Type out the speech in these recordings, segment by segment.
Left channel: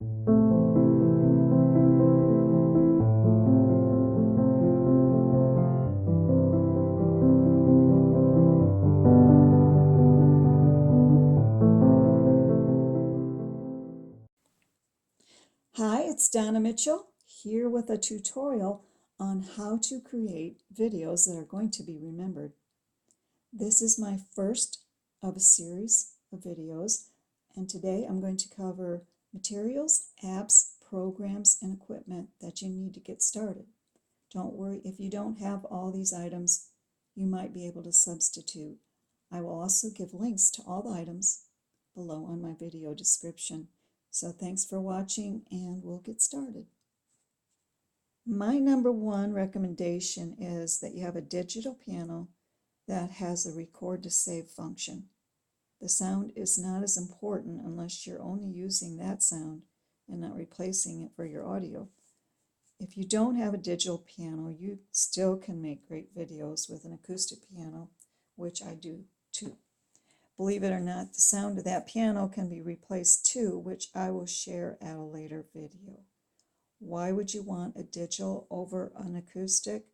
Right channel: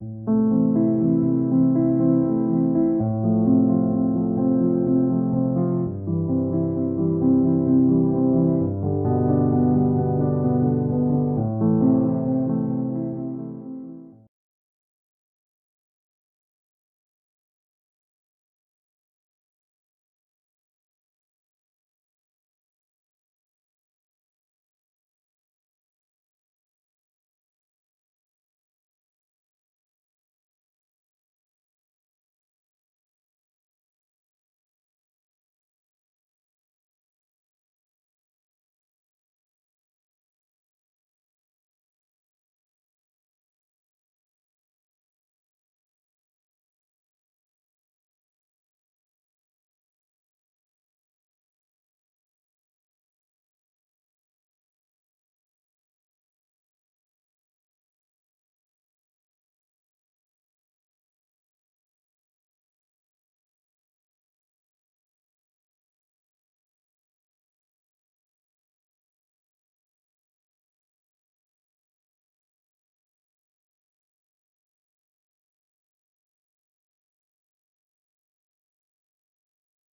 Hi, it's Donna Mitchell here with a tutorial on how to create videos that are going to be remembered. This is my first of a series of videos, and today I'm going to cover materials, apps, programs, and equipment that you need to get started. Don't worry, if you don't have all these items, you might be able to substitute. I will also give links to all the items below on my video description. So thanks for watching, and we'll get started. My number one recommendation is that you have a digital piano that has a record to save function. The sound is not as important unless you're only using that sound and not replacing it for your audio. If you don't have a digital piano, you still can make great videos with an acoustic piano, which I do too. Believe it or not, the sound of that piano can be replaced too, which I will share at a later video. Why would you want a digital over an acoustic?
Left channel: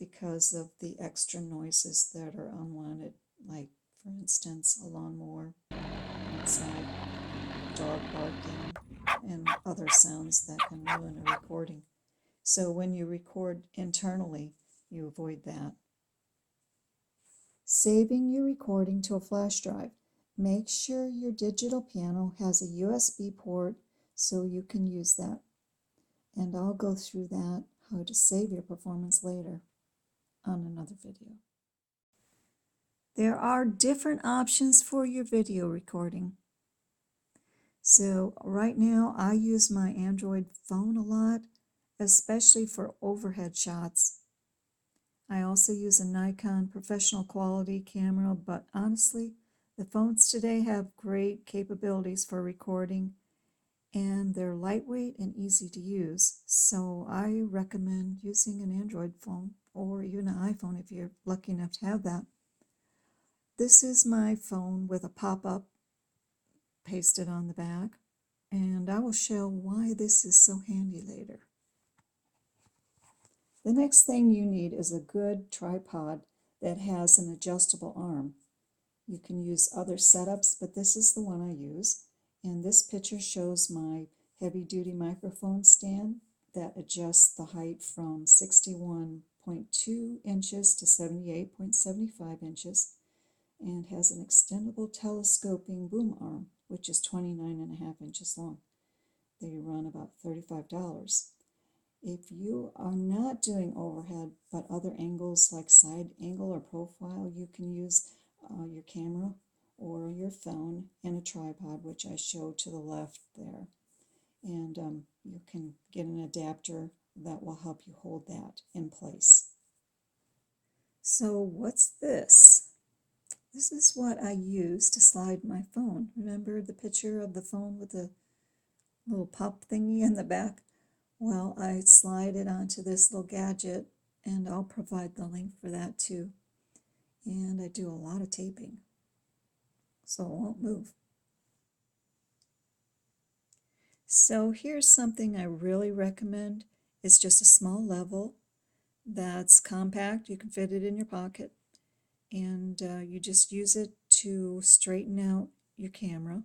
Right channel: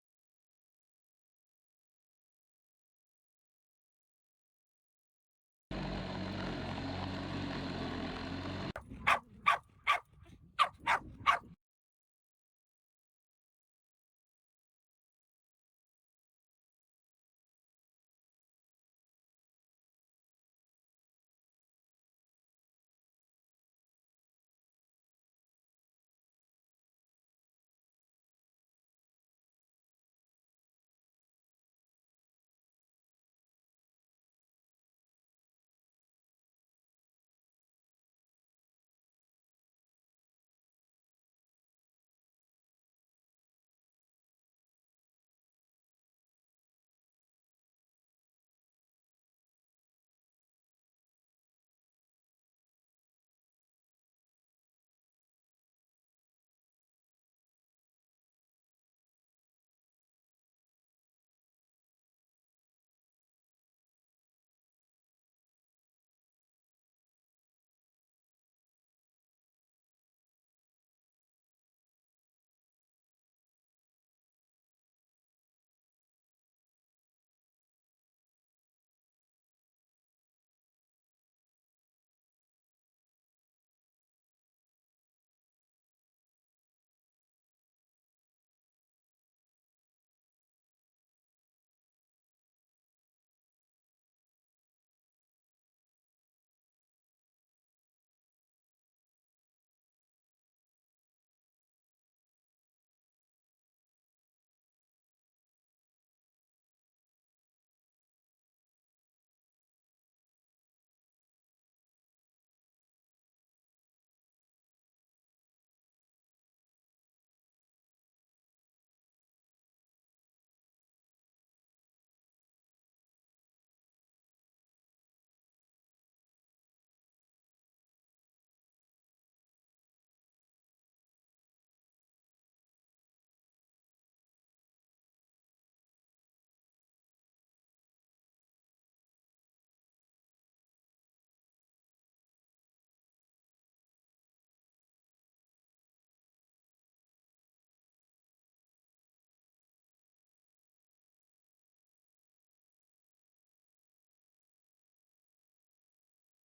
Because of the extra noises that are unwanted, like, for instance, a lawnmower, some dog barking, and other sounds that can ruin a recording. So when you record internally, you avoid that. Saving your recording to a flash drive. Make sure your digital piano has a USB port so you can use that. And I'll go through that, how to save your performance later, on another video. There are different options for your video recording. So right now I use my Android phone a lot, especially for overhead shots. I also use a Nikon professional quality camera, but honestly, the phones today have great capabilities for recording, and they're lightweight and easy to use. So I recommend using an Android phone or even an iPhone if you're lucky enough to have that. This is my phone with a pop-up pasted on the back, and I will show why this is so handy later. The next thing you need is a good tripod that has an adjustable arm. You can use other setups, but this is the one I use. And this picture shows my heavy-duty microphone stand that adjusts the height from 61.2 inches to 78.75 inches and has an extendable telescoping boom arm, which is 29.5 inches long. They run about $35. If you are not doing overhead but other angles like side angle or profile, you can use your camera or your phone and a tripod, which I show to the left there. And you can get an adapter that will help you hold that in place. So what's this? This is what I use to slide my phone. Remember the picture of the phone with the little pop thingy in the back? Well, I slide it onto this little gadget, and I'll provide the link for that too. And I do a lot of taping, so it won't move. So here's something I really recommend. It's just a small level that's compact. You can fit it in your pocket, and you just use it to straighten out your camera,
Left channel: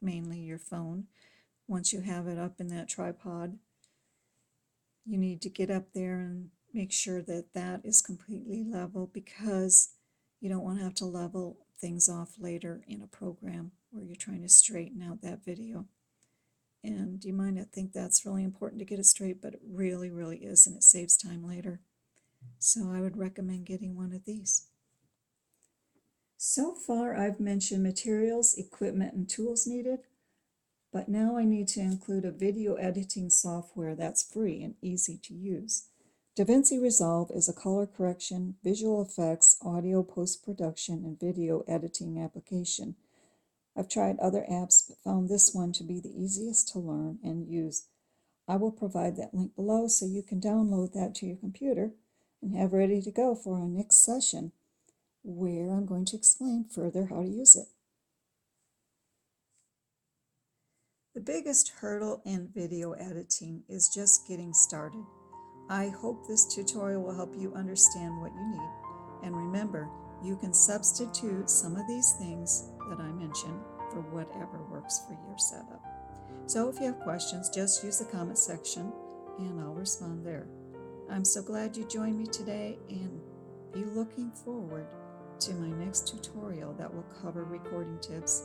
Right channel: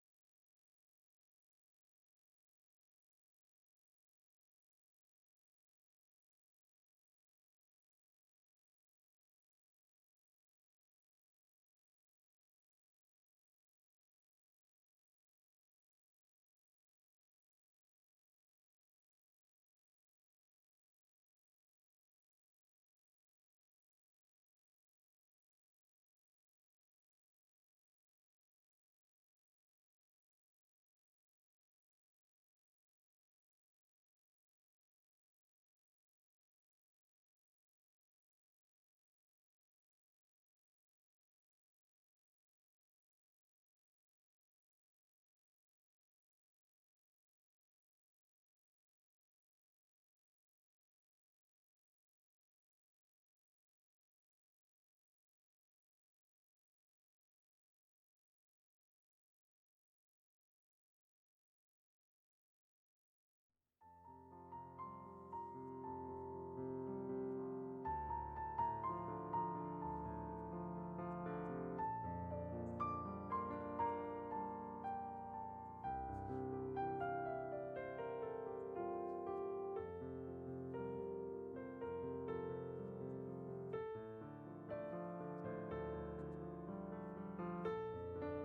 mainly your phone. Once you have it up in that tripod, you need to get up there and make sure that that is completely level, because you don't want to have to level things off later in a program where you're trying to straighten out that video. And you might not think that's really important to get it straight, but it really, really is, and it saves time later. So I would recommend getting one of these. So far I've mentioned materials, equipment, and tools needed. But now I need to include a video editing software that's free and easy to use. Davinci Resolve is a color correction, visual effects, audio post-production, and video editing application. I've tried other apps but found this one to be the easiest to learn and use. I will provide that link below so you can download that to your computer and have ready to go for our next session, where I'm going to explain further how to use it. The biggest hurdle in video editing is just getting started. I hope this tutorial will help you understand what you need. And remember, you can substitute some of these things that I mentioned for whatever works for your setup. So if you have questions, just use the comment section and I'll respond there. I'm so glad you joined me today, and be looking forward to my next tutorial that will cover recording tips